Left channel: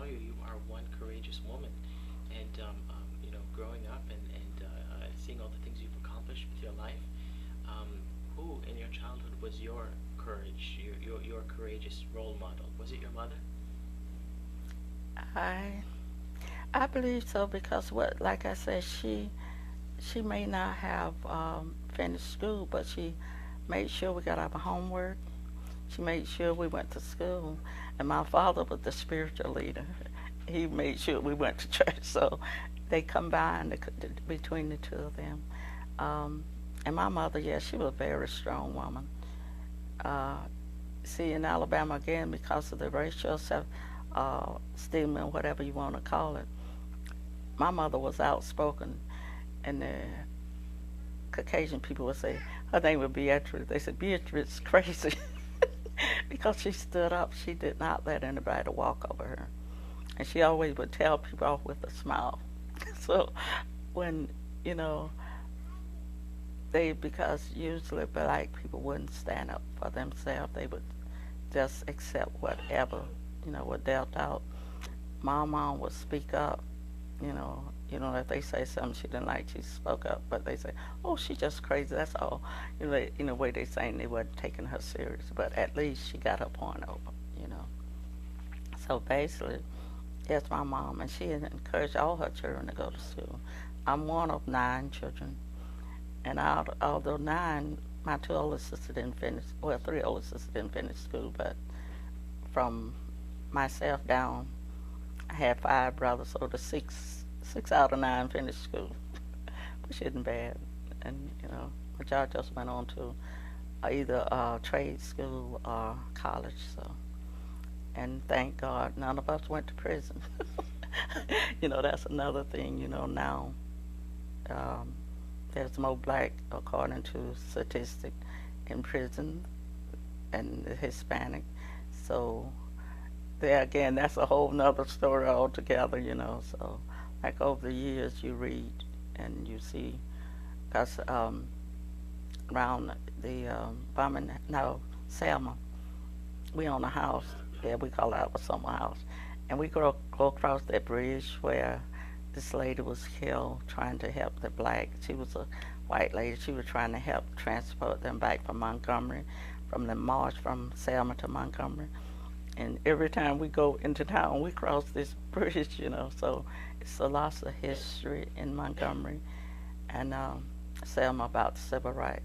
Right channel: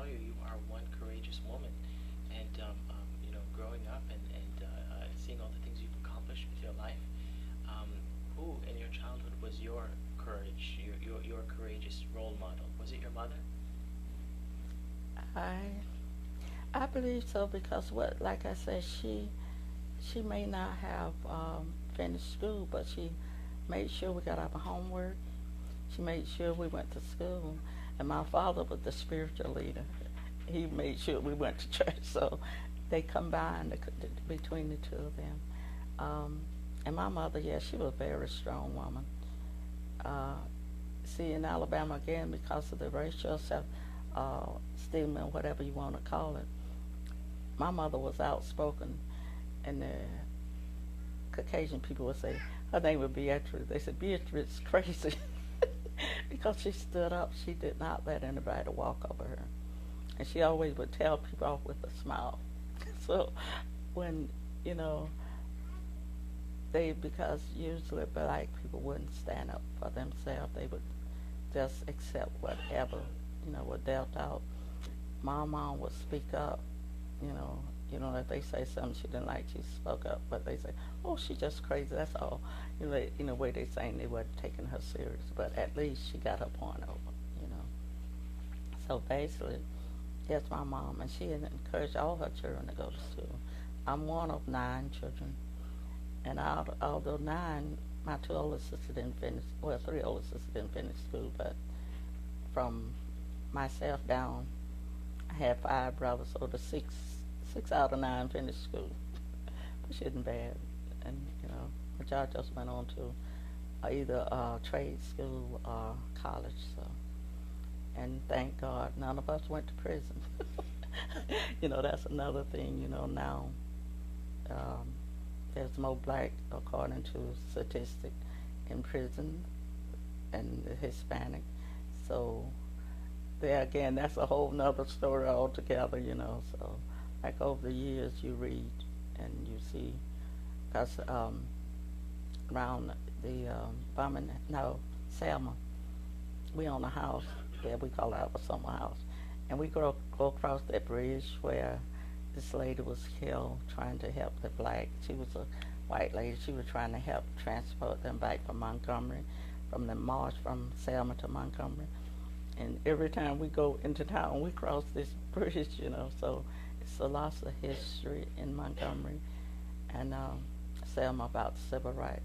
tell you, you are one courageous woman. And, growing up and seeing all the things you've accomplished with your life, um, who in your childhood was your courage, your courageous role model? Was it your mother? I I believe so because what, like I said, she may not have finished school, but she made sure we got our homework. She made sure we went to school, and my father was the spiritual leader. He made sure we went to church, so they combined between the two of them. Um, and my mother, yes, she was a very strong woman. Uh, See, in Alabama again, because of the racial stigma, whatever you want to call it, my mother was outspoken, and the Caucasian people would say her name was Beatrice. They said Beatrice is crazy because she stood up. She did not let anybody walk over her, and she always would tell people off with a smile. So when you know they, because usually black people wouldn't stand up for themselves, they would just accept whatever was dealt out. My mom would speak up. You know, if they say something she didn't like, she spoke up. But they say, "Oh, she's just crazy." That's all. In a way they saying they weren't taking her serious, but at least she got her point over. You know. So basically, that's my mom, and she encouraged all her children to go to school. I'm one of 9 children, and although 9, my 2 older sisters didn't finish. Well, 3 older sisters didn't finish school, but from myself down, I had 5 brothers, so the 6 out of 9 finished school, which isn't bad. And majority just went on to either trade school or college. So, and thank God, none of us went to prison. That's another thing. Now um, there's more black, according to statistics, in prison and the Hispanic. So there again, that's a whole nother story altogether. So like over the years, you read and you see, because around the bombing, no, Selma, we own a house. Yeah, we call it our summer house, and we go across that bridge where this lady was killed trying to help the black. She was a white lady. She was trying to help transport them back from Montgomery, from the march from Selma to Montgomery. And every time we go into town, we cross this bridge. So it's a loss of history in Montgomery and Selma about civil rights.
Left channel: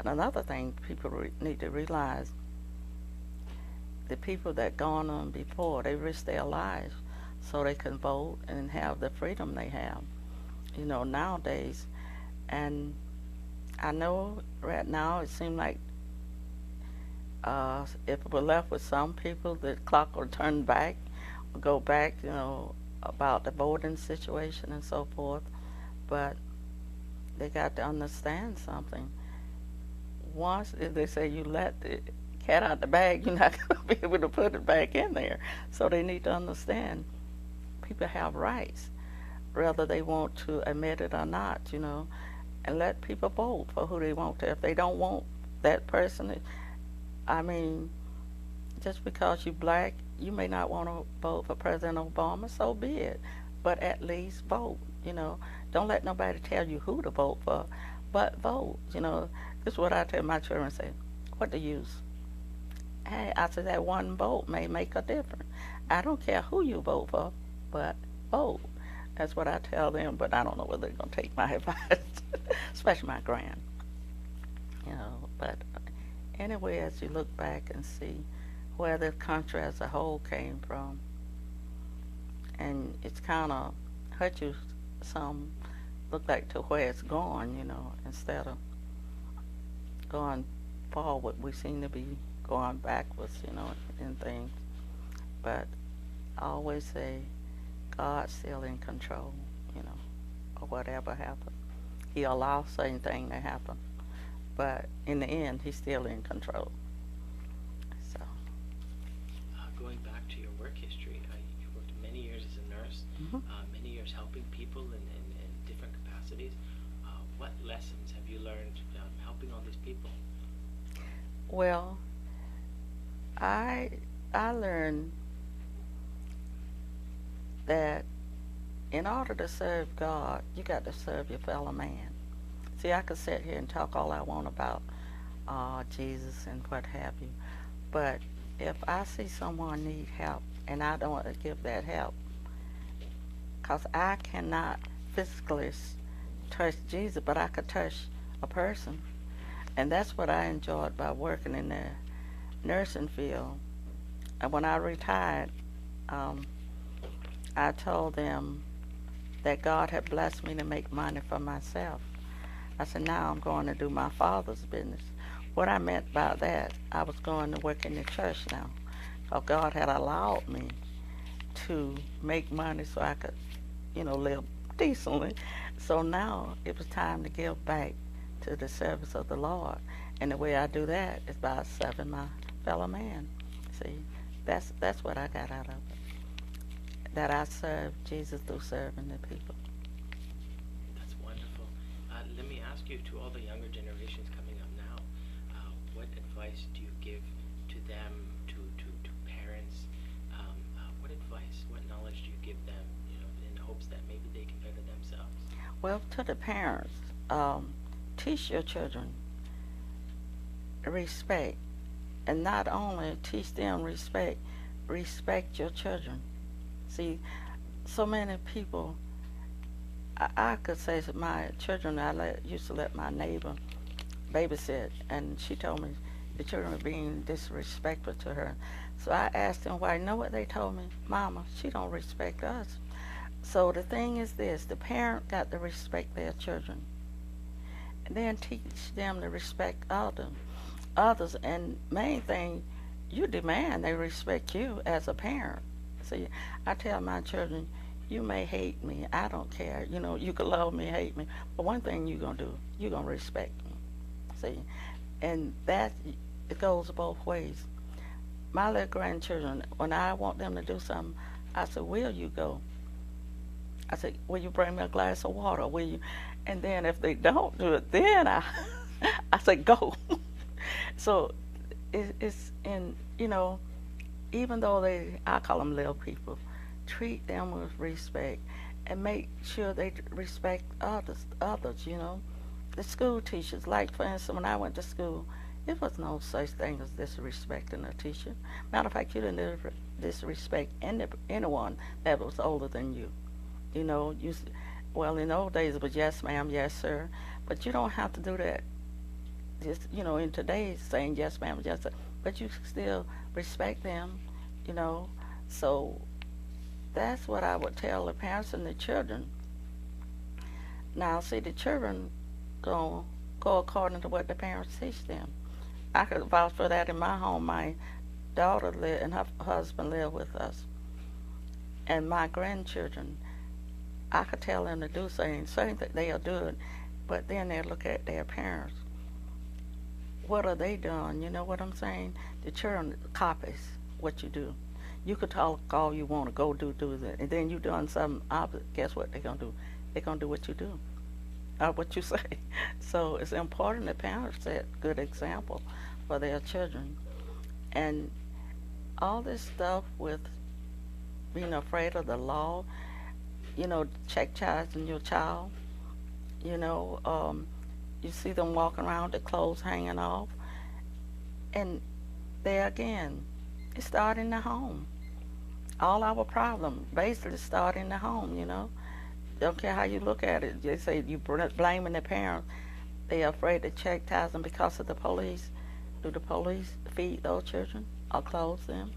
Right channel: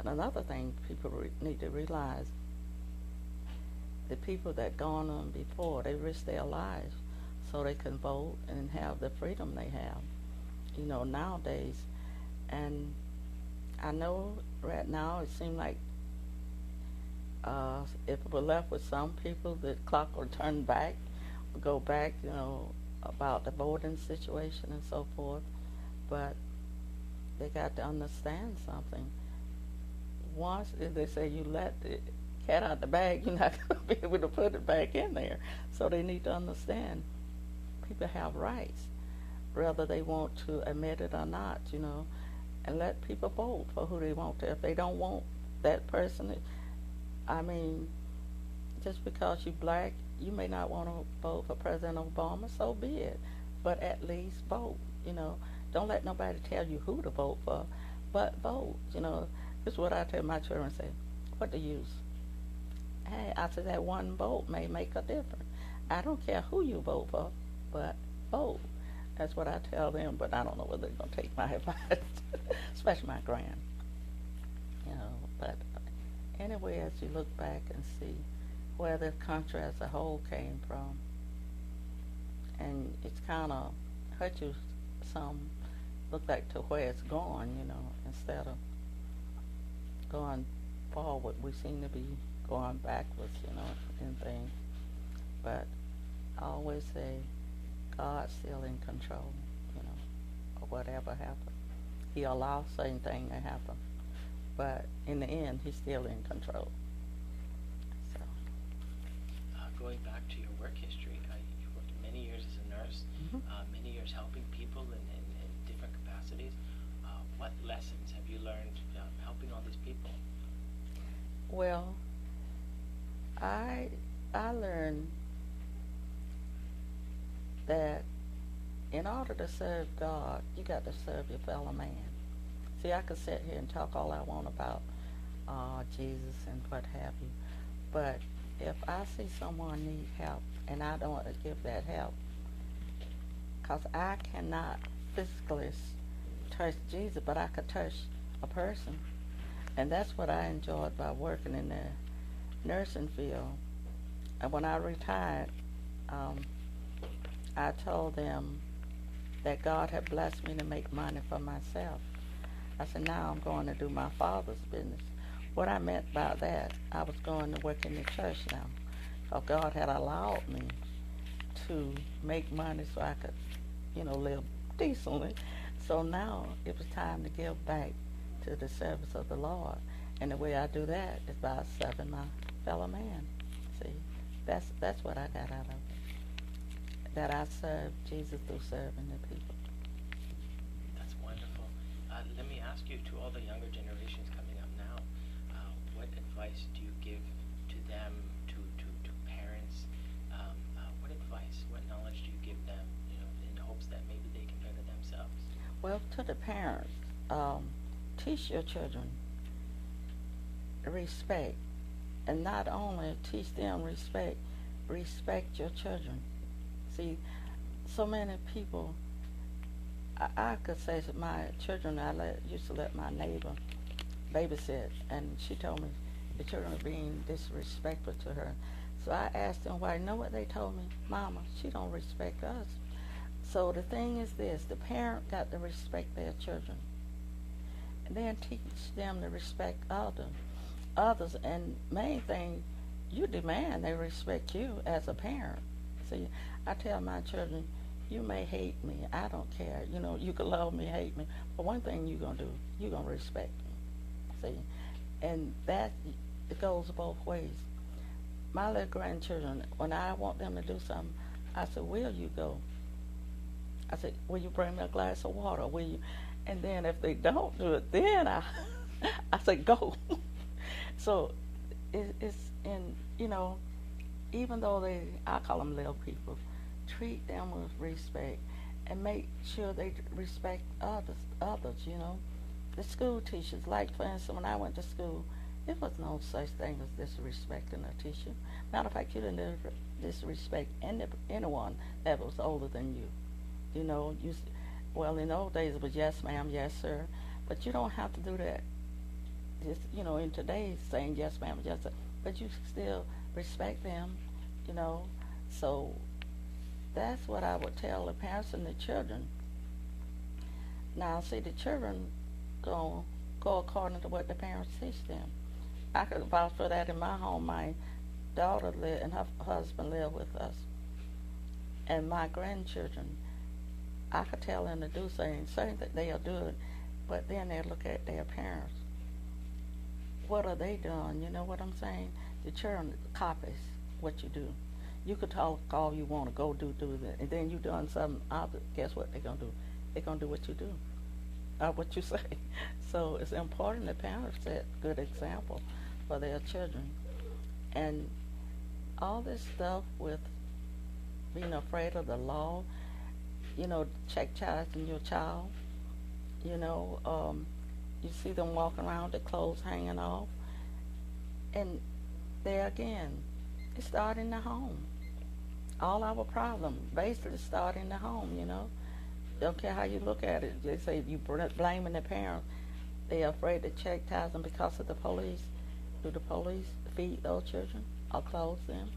And another thing people need to realize, the people that gone on before, they risked their lives so they can vote and have the freedom they have, nowadays. And I know right now it seems like if we're left with some people, the clock will turn back, will go back, about the voting situation and so forth. But they got to understand something. Once, if they say you let the cat out the bag, you're not going to be able to put it back in there. So they need to understand people have rights, whether they want to admit it or not, and let people vote for who they want to. If they don't want that person, I mean, just because you're black, you may not want to vote for President Obama, so be it. But at least vote. Don't let nobody tell you who to vote for, but vote. This is what I tell my children, say, what the use? Hey, I said that one vote may make a difference. I don't care who you vote for, but vote. That's what I tell them, but I don't know whether they're going to take my advice, especially my grand. But anyway, as you look back and see where the country as a whole came from, and it's kind of hurt you some, look like to where it's going, instead of going forward, we seem to be going backwards, in things. But I always say God's still in control, of whatever happens. He allows certain things to happen, but in the end, He's still in control. So. Going back to your work history, you worked many years as a nurse, Mm-hmm. many years helping people in different capacities. What lessons have you learned helping all these people? Well, I learned that in order to serve God, you got to serve your fellow man. See, I could sit here and talk all I want about Jesus and what have you, but if I see someone need help and I don't want to give that help, because I cannot physically touch Jesus, but I could touch a person. And that's what I enjoyed by working in the nursing field. And when I retired, I told them that God had blessed me to make money for myself. I said, now I'm going to do my Father's business. What I meant by that, I was going to work in the church now. So God had allowed me to make money so I could, live decently. So now it was time to give back to the service of the Lord. And the way I do that is by serving my fellow man. See, that's what I got out of it. That I serve Jesus through serving the people. That's wonderful. Let me ask you, to all the younger generations coming up now, what advice do you give to them, to parents? What advice, what knowledge do you give them, in hopes that maybe they can better themselves? Well, to the parents, teach your children respect. And not only teach them respect, respect your children. See, so many people, I could say to my children, used to let my neighbor babysit, and she told me the children were being disrespectful to her. So I asked them why. You know what they told me? Mama, she don't respect us. So the thing is this, the parent got to respect their children. And then teach them to respect others. And main thing, you demand they respect you as a parent. See, I tell my children, you may hate me, I don't care. You can love me, hate me, but one thing you're going to do, you're going to respect me. See, and that, it goes both ways. My little grandchildren, when I want them to do something, I say, will you go? I say, will you bring me a glass of water? Will you? And then if they don't do it, then I say, go. So it's in, even though I call them little people, treat them with respect and make sure they respect others. The school teachers, like for instance, when I went to school, there was no such thing as disrespecting a teacher. Matter of fact, you didn't disrespect anyone that was older than you. Well, in those days it was yes ma'am, yes sir, but you don't have to do that. Just, in today's saying yes ma'am, yes sir, but you still respect them, So that's what I would tell the parents and the children. Now, see, the children go according to what the parents teach them. I could vouch for that in my home. My daughter and her husband live with us, and my grandchildren, I could tell them to do certain that they'll do it, but then they look at their parents. What are they doing? You know what I'm saying? The children copies what you do. You could talk all you want to go do that, and then you done something opposite. Guess what they're gonna do? They're gonna do what you do, or what you say. So it's important that parents set good example for their children, and all this stuff with being afraid of the law. Check charging your child. You see them walking around, their clothes hanging off. And there again, it starts in the home. All our problem basically start in the home, Don't care how you look at it. They say you blaming the parent. They're afraid to check ties them because of the police. Do the police feed those children or clothe them?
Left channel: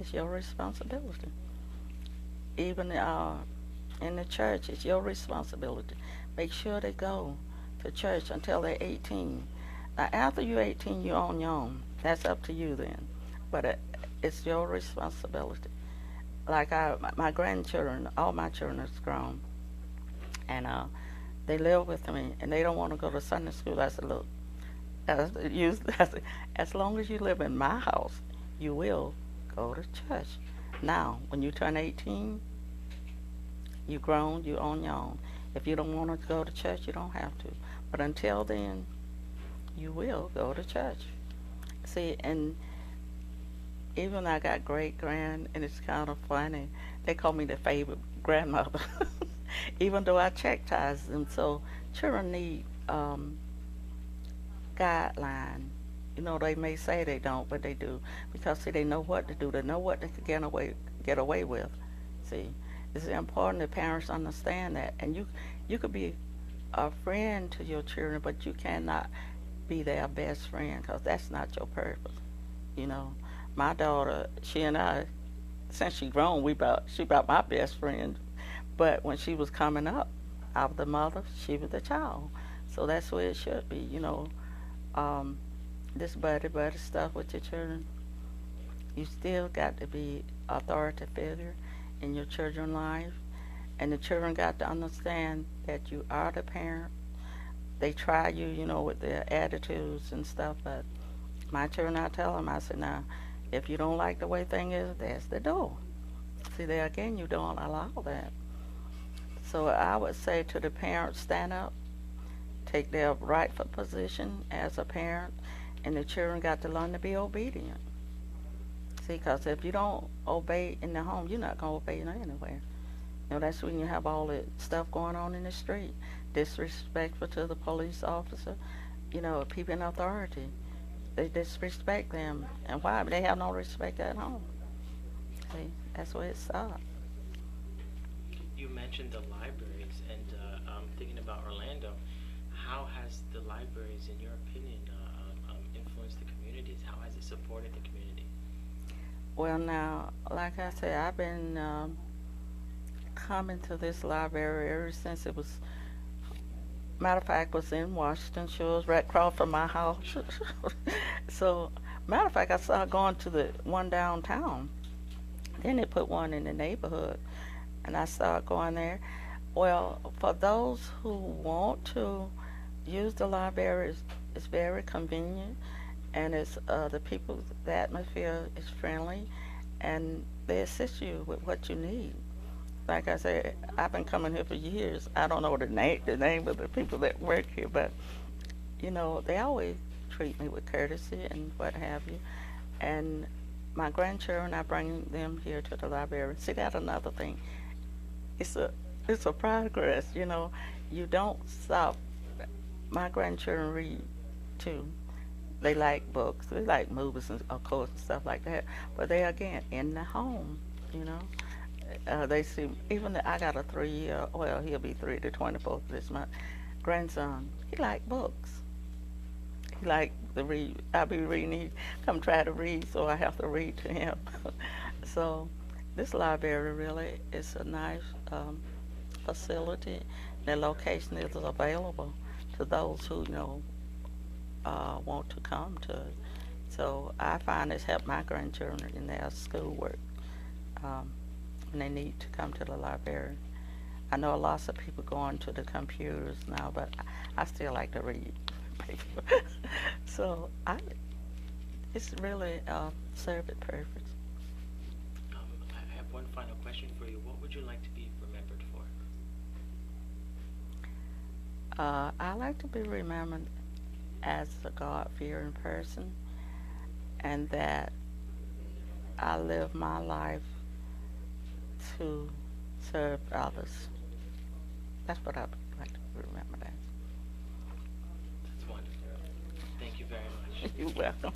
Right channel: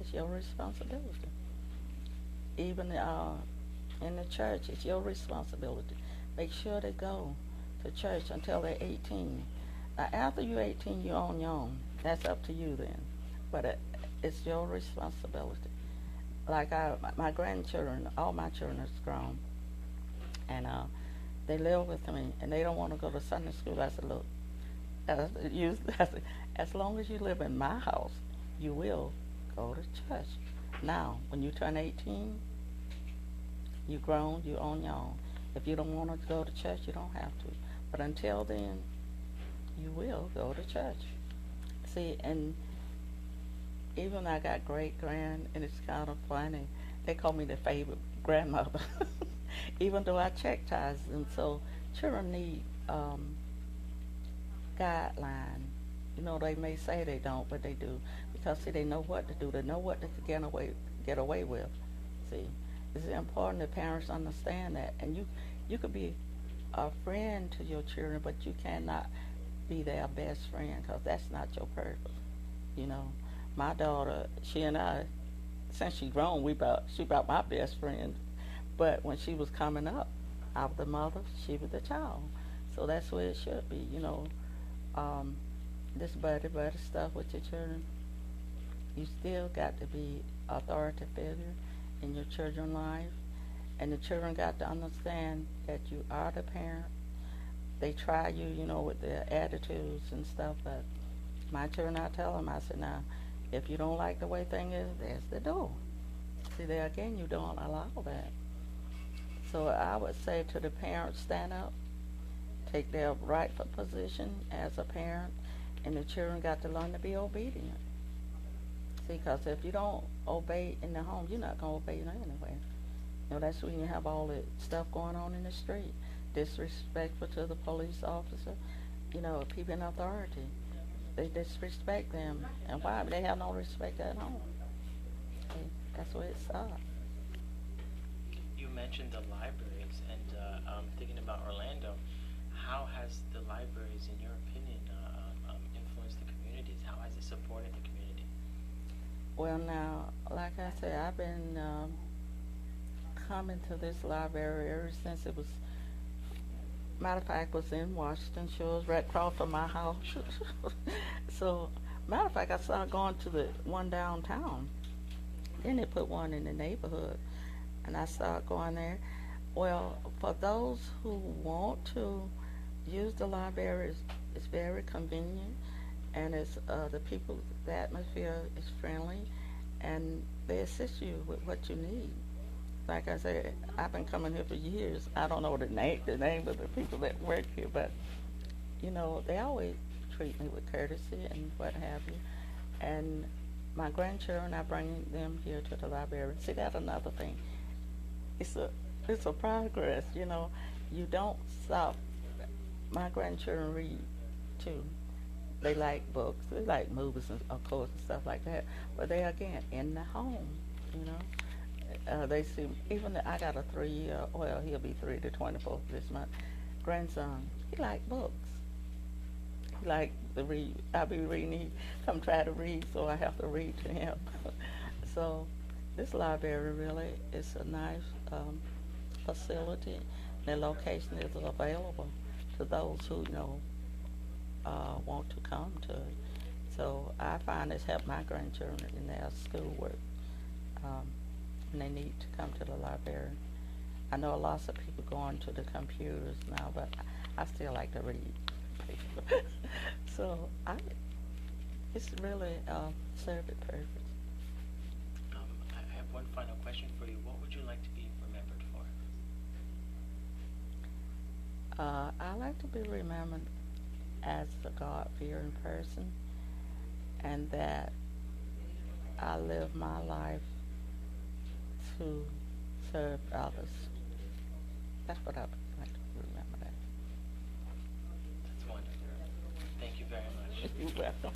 It's your responsibility. Even in the church, it's your responsibility. Make sure they go to church until they're 18. Now, after you're 18, you're on your own. That's up to you then. But it's your responsibility. Like my grandchildren, all my children are grown, and they live with me, and they don't want to go to Sunday school. I said, look, as long as you live in my house, you will go to church. Now, when you turn 18, you're grown, you're on your own. If you don't want to go to church, you don't have to. But until then, you will go to church. See, and even I got great grand, and it's kind of funny. they call me the favorite grandmother, even though I chastise them. So children need guideline. You know, they may say they don't, but they do because see, they know what to do. They know what they can get away with. See, it's important that parents understand that, and you could be a friend to your children, but you cannot be their best friend because that's not your purpose. You know, my daughter, she and I, since she grown, she about my best friend. But when she was coming up, I was the mother, she was the child. So that's where it should be. You know, um, this buddy stuff with your children. You still got to be authority figure in your children's life, and the children got to understand that you are the parent. They try you, you know, with their attitudes and stuff, but my children, I tell them, I said, now, if you don't like the way thing is, there's the door. See, there again, you don't allow that. So I would say to the parents, stand up, take their rightful position as a parent, and the children got to learn to be obedient. See, because if you don't obey in the home, you're not going to obey anywhere. You know, that's when you have all the stuff going on in the street. Disrespectful to the police officer, you know, people in authority. They disrespect them. And why? They have no respect at home. See, that's where it starts. You mentioned the libraries, and thinking about Orlando, how has the libraries, in your opinion, influenced the communities? How has it supported the community? Well, now, like I said, I've been coming to this library ever since it was. Matter of fact, was in Washington Shores, right across from my house. So, matter of fact, I started going to the one downtown. Then they put one in the neighborhood, and I started going there. Well, for those who want to use the library, it's very convenient, and it's the people, the atmosphere is friendly, and they assist you with what you need. Like I said, I've been coming here for years. I don't know the name of the people that work here, but you know, they always treat me with courtesy and what have you. And my grandchildren, I bring them here to the library. See, that's another thing. It's a progress, you know. You don't stop. My grandchildren read too. They like books. They like movies and of course stuff like that. But they again in the home, you know. They see, even I got a 3-year, well, he'll be 3 to 24 this month, grandson. He like books. He like to read. I be reading, he come try to read, so I have to read to him. So this library really is a nice facility. The location is available to those who, you know, want to come to it. So I find it's helped my grandchildren in their schoolwork. And they need to come to the library. I know lots of people going to the computers now, but I still like to read. So it's really served its purpose. I have one final question for you. What would you like to be remembered for? I like to be remembered as a God-fearing person, and that I live my life to serve others. That's what I would like to remember that. That's wonderful. Thank you very much. You're welcome.